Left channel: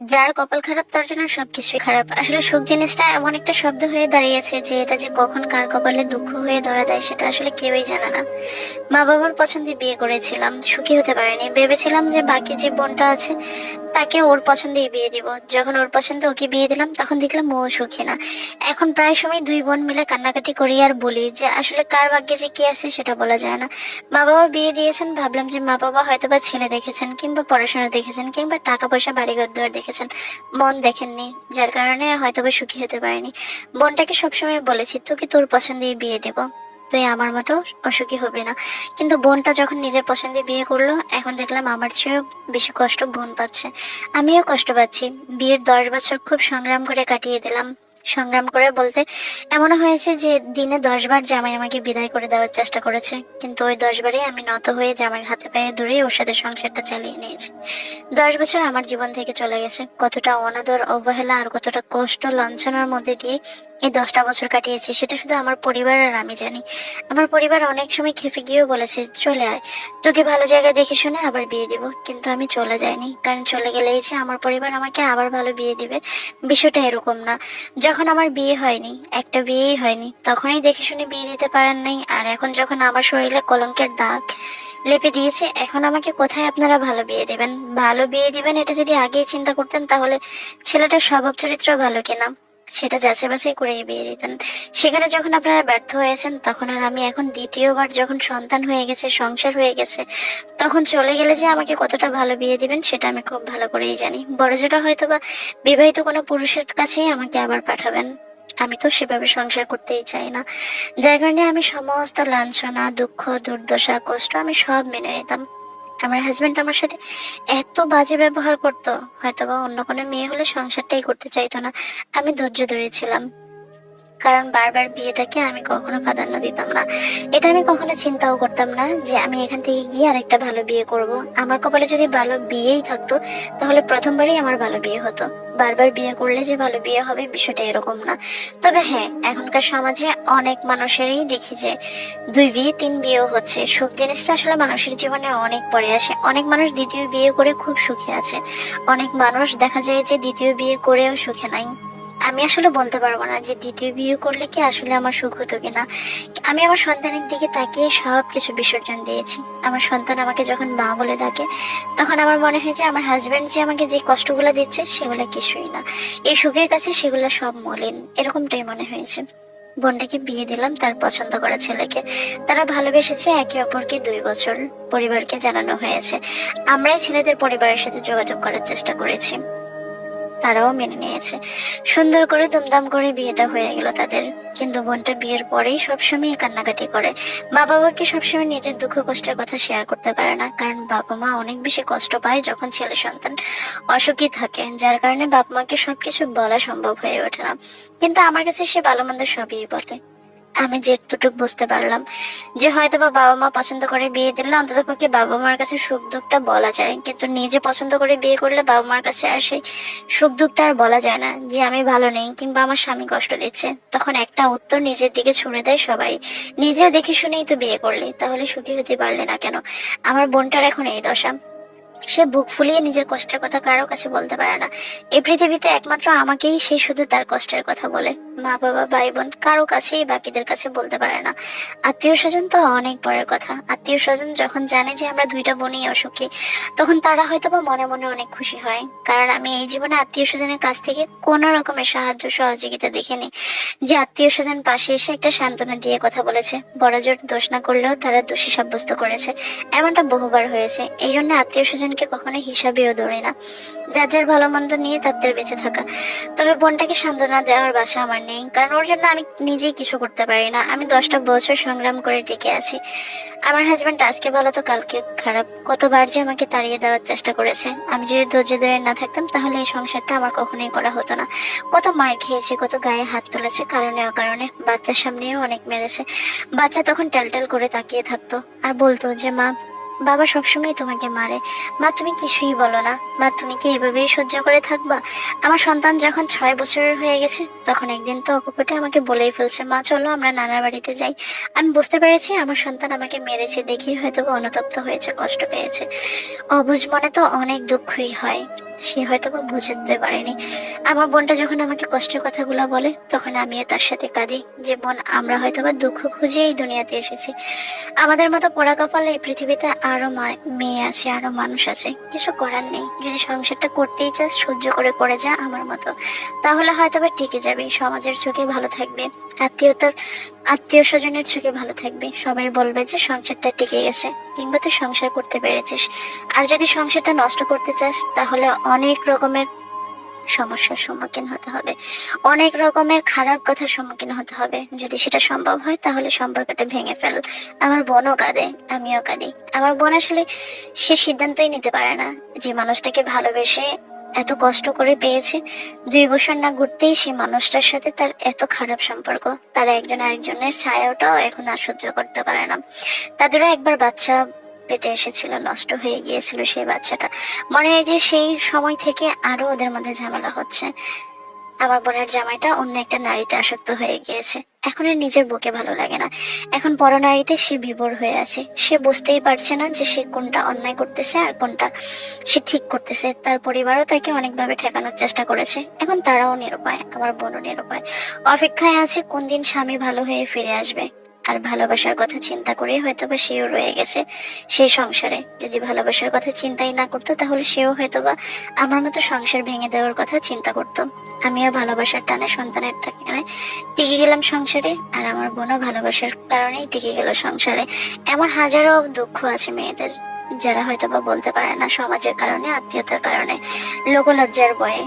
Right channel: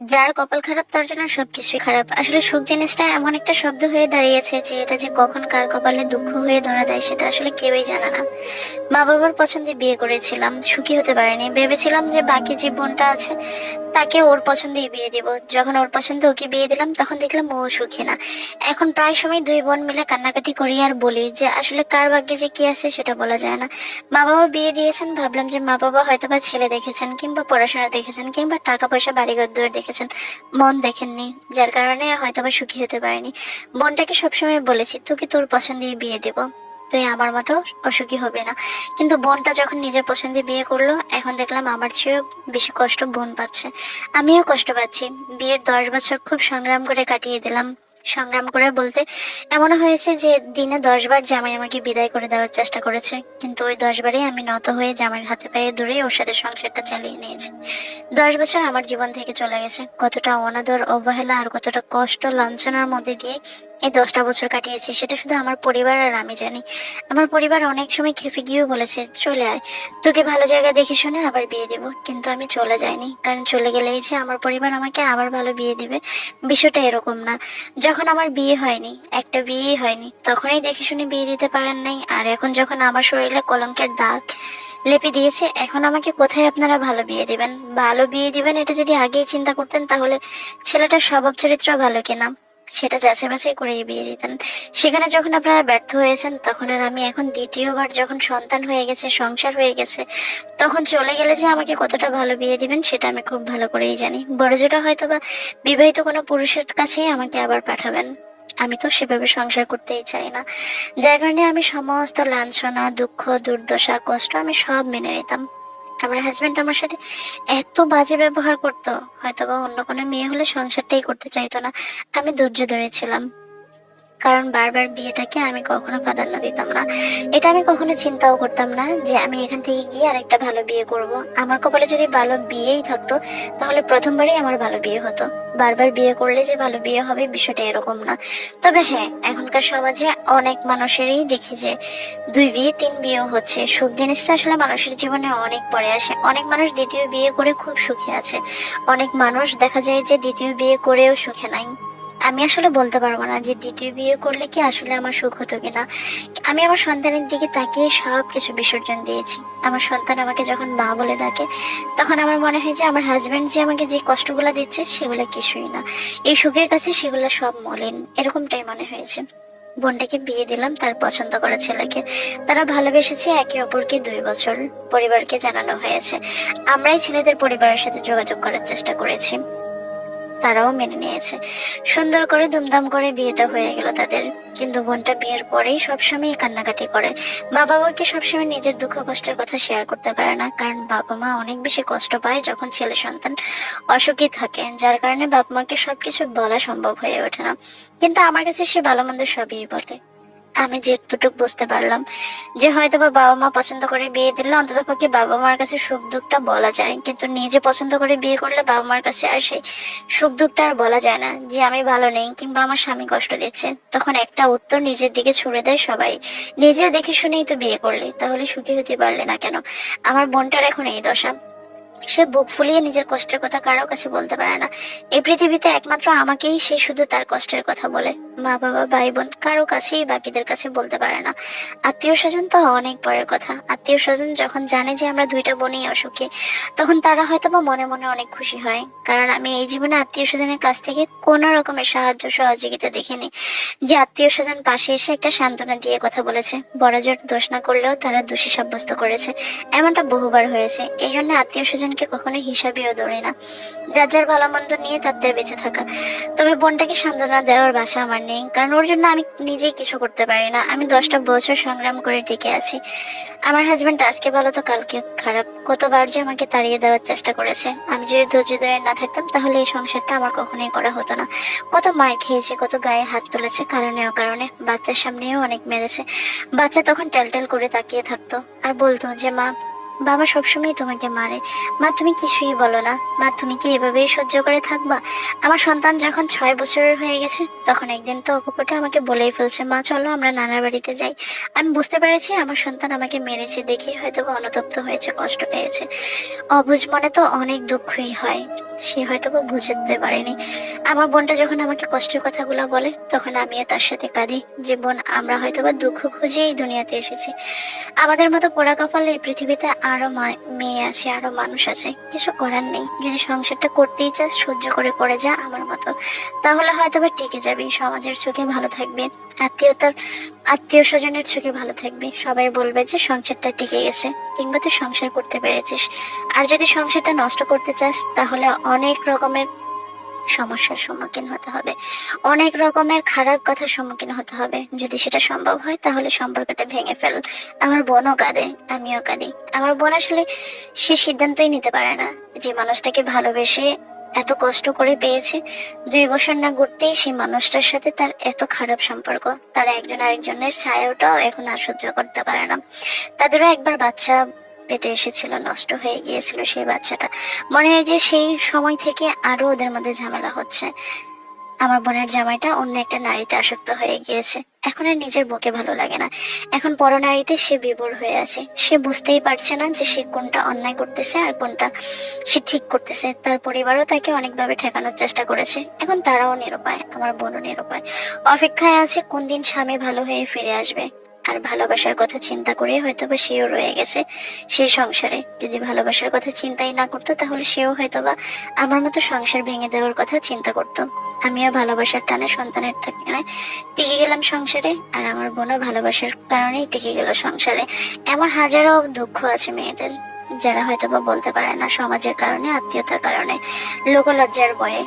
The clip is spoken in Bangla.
যার কপাল খারাপ তার জন্য সবকিছুই খারাপ। আসলে সুখ জিনিসটা এমন একটা শব্দ হয়ে দাঁড়িয়েছে যে এটা যে কখন কার কপালে দুঃখ হয়ে ধরা দেয় সেটা আসলে কেউই জানে না। মা বাবার পছন্দে বিয়ে করেছিলাম, সুখী হতে পারিনি। ভেবেছিলাম যে বাকি যে বোনটা আছে তাকে ওর পছন্দেই বিয়ে দিব। যখন ওর পছন্দে ওকে বিয়ে দিলাম তখন দেখলাম ও সুখী না। এখন প্রায় সময় দুই বোন মিলে কান্নাকাটি করি আর বলি যে আসলে কার ভাগ্যে যে কি আছে সেটা বলা যায় না। মা বাবা বিয়ে দিয়েছেন, ভাবলাম যে মা বাবা হয়তোবা ছেলে দেখেছেন কিংবা পড়াশোনা দেখেছেন কিংবা টাকা পয়সা বাড়ি ঘর দুয়ার দেখেছেন, মন দেখেননি, যার কারণে হয়তোবা সুখী হতে পারেনি। বোনটাকে সবসময় বলেছি তোকে তোর পছন্দেই বিয়ে দেব, তুই আমার মতো অসুখী হবে না। কিন্তু বোনটা যখন নিজের পছন্দে বিয়ে করলো এখন দেখলাম আমার চেয়েও বেশি কষ্ট বোন পাচ্ছে। আমিও কষ্ট পাচ্ছি। বিয়ের 10 বছর খুব সংগ্রাম করে কাটিয়ে দিলাম। সংগ্রাম করে বলতে এমনও হয়েছে যে দিনে 10 বার জামাই আমাকে বিদায় করে দেওয়ার চেষ্টা করেছে, কিন্তু ওই 10 বারই আমি নত হয়ে জামাইয়ের হাতে পায়ে ধরে ওর সাথে সংসারটা চালিয়ে নিয়েছি। 10 বছর আমার জীবন থেকে চলে গেছে, কতটা অনাদর অবহেলা আর কতটা কষ্ট লাঞ্ছনার মধ্যে দিয়ে এই 10টা বছর কাটিয়েছি সেটা শুধু আমার পরিবার আর আমি জানি। আমার পরিবার অনেক সময় খেপে গিয়েও বলেছে চলে আয়, তোকে ভালো জায়গায় দেখে শুনে আবার বিয়ে দিব, কিন্তু আমি চলে যাইনি, কারণ চলে গেলেই যে আমার পরিবার আমাকে আবার ভালো বিয়ে দিবে বিষয়টা এরকম না। যখন আমার বিয়ে হয়নি, একটা বিয়েই হয়নি, তখনই দেখে শুনে বিয়ে দিতে পারেন নাই, আর এখন যখন আমার শরীরে কলঙ্কের দাগ লেপে দিয়েছে এখন আমাকে কোথায় আপনারা ভালো বিয়ে দিবেন? ভালো বিয়ে দিবেন এটা যদি আগেই চিন্তা করতেন তাহলে ছেলেটার স্বভাব চরিত্র ভালো কিনা সেটা যাচাই বাছাই করে বিয়ে দিতেন। সেখানে যখন আপনারা ব্যর্থ হয়েছেন তখন আর আমি এখন দ্বিতীয়বার যখন সন্তান হয়ে গেছে, সংসার হয়ে গেছে, তখন চলে গেলে যে আমাকে কতটা ভালো বিয়ে দিবেন সেটা আমি খুব ভালো করেই জানি। বড় যেটা হয়তো বা বিবাহিত কোনো পুরুষের কাছেই আমাকে আবার পাঠাবেন, আমি তো সেভাবে সংসার করতেই চাই না। যার কারণে আমি সমস্ত লাঞ্ছনা, দুঃখ, দুর্দশা, কষ্ট আমি সব মেনে নিতাম। আমার হাজবেন্ড আমার সাথে এত বাজে ব্যবহার করতো, হয়তোবা অন্য কোনো মেয়ে হলে সংসারটাই করতে চাইতো না। আমি ধৈর্য ধরেছিলাম, কারণ বারবার বিয়েটাকে আমি কখনো প্রাধান্য দিতাম না। এটা আমি কখনো চিন্তাও করতাম না যে আমি এখান থেকে গিয়ে আরেকটা ভালো বিয়ে করব। আমার কপালে যদি ভালো বিয়েই থাকতো তাহলে প্রথমবারই আমার ভালো বিয়ে হতো। বারবার বিয়ে করলে যে ভালো বিয়ে হবে বিষয়টা এরকম না। তবে হ্যাঁ, এখনকার সমাজে অনেক মানুষেরই দেখি যে 2 বিয়ে 3 বিয়েও হচ্ছে। সুখ জিনিসটা আসলে মানুষের জীবনে অনেক পরে আসে। অনেক মানুষ দ্বিতীয় বিয়ে করে খুব সুখে আছে, অনেক মানুষ দেখা যায় যে দ্বিতীয় বিয়ে করেও সুখে নাই। আমি আসলে বলতে পারবো না যে দ্বিতীয় বিয়ে করলে কি আসলে আমার সুখ হতো কিনা। আমি আমার সন্তানের দিকে তাকিয়ে সব কিছু বিসর্জন দিয়েছি। আমার সন্তান আমাকে যখন মা বলে ডাকে তখন আমার মনে হয় যে আমার হাজবেন্ড যে আমাকে যে কষ্টগুলো দিচ্ছে সেগুলো কিছুই না, এই সুখের কাছে সেগুলো সব মলিন, এরকমটাই মনে হয়েছে। বোনটাকে বিয়ে দিলাম তার পছন্দ করা ছেলেকে। তারা ভালোবেসেছে একে অপরকে 2 বছর। পরিবারকে জানানো হয়েছে, আমরাই ছেলেদের পরিবারের সাথে যোগাযোগ করার চেষ্টা করেছি, তারাও মেনে নিয়েছে। সুন্দর করে ধুমধাম করে বিয়েটা হয়ে গেল তাদের। কিন্তু বোনটা বিয়ের পরেই সবসময় কান্নাকাটি করে। মা বাবাকে সবসময় নিজের দুঃখ কষ্টের কথা শেয়ার করতে পারে না, কারণ বাবা মা অনেক বেশি কষ্ট পায় যখন ছেলে সন্তান অসুখী থাকে, যার কারণে বাবা মাকে সবকিছু বলা সম্ভব হয়ে ওঠে না। কিন্তু আমার কাছে সে ভালো মন্দ সবই বলে। আমি যেটুকু বুঝতে পারলাম যে হয়তো বা বাবা মা পছন্দ করে বিয়ে দিলে অন্তত পক্ষে বাবা মার কাছে সুখ দুঃখটা বলা যায়, কিন্তু নিজে পছন্দ করে বিয়ে করলে বাবা মার কাছে আর সেই সুখ দুঃখটা আর বলা যায় না যে আমি ভালো নেই কিংবা আমার স্বামী কষ্ট দিচ্ছে। তখন একটা উত্তর নিজের দিকে ছুড়ে দেয় সবাই, নিজেও দেখে শুনেই তো বিয়ে করলি, তাহলে সুখী হতে পারলে না কেন? আমার বোনটার এখন এই দশা। সে বুক ফুলিয়ে নিজের কষ্টের কথা কারো কাছে বলতে পারে না। এই পৃথিবীতে একমাত্র আমাকেই সে শুধু তার কষ্টের কথা বলে। মা বাবা ভাই বোন কারো কাছেই বাকিদের কাছে বলতে পারে না। আত্মীয় স্বজন তো অনেক পরের কথা। আত্মীয় স্বজন যখন জানে যে আমরা দুইটা বোনই অসুখী তখন তারা হয়তো বা মনে মনে অনেক খুশি হয়, কারণ আমি এই জীবনে আত্মীয় স্বজনের কাছ থেকে কোনো রকমের সাহায্য সহযোগিতা দেখিনি যে আত্মীয় স্বজন পাশে এসে একটা সান্ত্বনা দিয়ে কথা বলেছে। বড় জোর দোষ না করলেও তারা দোষী সাব্যস্ত করেছে, এমনটা বহুবার হয়েছে। এই জন্য আত্মীয় স্বজনকে কখনো হিসাবেও ধরে না, যার যার ভালো মন্দ নিয়ে তাদের বেঁচে থাকা। তবে বোনটাকে সান্ত্বনা দেওয়ার বাসা আমার নেই, কারণ ওর জন্য আমি নিজেই কিছু করতে পারি না। আমি 10টা বছর সংগ্রাম করে টিকে আছি। আমার হাজবেন্ড আজকে ভালো তো কালকে খারাপ, কতবার যে আমাকে তাড়িয়ে দেওয়ার চেষ্টা করেছে। আমি যদি ধৈর্য ধরে না থাকতাম তাহলে এই সংসারটা আমার কখনোই করা হতো না। কত মার খেয়েছে, কত গায়ে হাত তুলেছে কারণে অকারণে, বাচ্চার সামনেও অনেক মেরেছে। বাচ্চা তখন টেলটেল করে তাকিয়ে থাকতো আর বলতো যে মা বাবা সবসময় তোমাকে মারে। মা তুমি কিছুই বলো না। মা তুমি কি এভাবেই সহ্য করে থাকবা? আমার সন্তান যখন 6 বছরের হয়ে গেছে তখন একদিন তো অকপটে আমাকে বলেই ফেলছে, মা চলো আমরা নানার বাড়িতে যাই। আমি বুঝতে পেরেছি আমার সন্তান আমাকে মেরেছে দেখেই হয়তো বা অনুতপ্ত হয়েছে, কষ্ট পেয়েছে। অবুঝ মনে তো অনেক দুঃখই হয়, সে হয়তো বা বুঝতে পারেনি। আমার বোনটা যখন আমাকে কষ্টের কথাগুলো বলে তখন আমিও তার সাথে কাঁদি, যে বোন আমরা হয়তো বা দুঃখ খুঁজেই দুনিয়াতে এসেছি। আমাদের মতো পোড়া কপালে এই পৃথিবীতে আরো মেয়ে আছে, আরো মানুষ আছে, কিছু করার নেই। যদি সংসারটা করতেই চাস সহ্য করে করে যা আমার মতো, তাহলে হয়তো বা টিকে যাবে, সমাজের চোখে ভালো থাকবে, আত্মীয় স্বজনের চোখে ভালো থাকবে। সবাই বলবে যে সংসারটা টিকে গেছে, কিংবা তুই সংসার করতে পেরেছিস। আর যদি সংসারটা নষ্ট করতে চাস তাহলে অনেক রকমের সমস্যার সম্মুখীন হতে হবে, অনেক রকমের খারাপ কথার সম্মুখীন হতে হবে। যদি সেটা সম্ভব হয় তাহলে সম্পর্কটা ভেঙে ফেল। আমার বোনও কাঁদে, আমিও কাঁদি। আমার বোন আসলে সে সিদ্ধান্তই নিতে পারে না, যে মানুষটাকে ভালোবেসে এত কষ্ট করে পেয়েছে, 2 বছর না ঘুরতেই সেই মানুষটার সাথে তার এত খারাপ সম্পর্ক। তারা একজন আরেকজনের ছায়াটাও এখন আর সহ্য করতে পারে না। তাদেরও একবার বাচ্চা পেটে এসেছিল, নষ্ট হয়ে গিয়েছিল সেই বাচ্চাটা। মনে হয় যে সেই সময় থেকে আরো ওদের মধ্যে ঝামেলা হচ্ছে। আমার বোনের জামাইটা অন্য একটা নারীতে আসক্ত হয়ে গিয়েছে, এখন আর নিজের বউকে ভালো লাগে না। এখন পরনারীতে সে বিভোর হয়ে আছে। সে বুঝতেই পারছে না যে সে কোনটা অন্যায় করতেছে আর কোনটা সে ঠিক করতেছে। তার পরিবারও তাকে অনেকভাবে ঠেকানোর চেষ্টা করেছে, এখন তারাও নিরুপায়, আমার বোনও নিরুপায়। অপেক্ষায় আছে কোন দিন স্বামী ভালো হয়ে ফিরে আসবে। আর ভালোবাসার কথা চিন্তা করে হয়তো বা সেও রয়ে গেছে সেই সংসারে। যদি ভালোবাসার কথা চিন্তাই না করতো তাহলে সেও হয়তো বা আমার মতো সংসার ভেঙে দেওয়ার কথা চিন্তা করতো। আমিও ভালোবাসার টানে সন্তানের টানে টিকে গেলাম সংসারে, আর আমার বোনও ভালোবাসার কারণেই টিকে গেল সংসারে। এমন হাজারো দুঃখ আছে মেয়েদের, যারা হয়তো বা বলতে পারে না, সমাজের কারণে, আত্মীয়তার কারণে, লোকলজ্জার ভয়ে।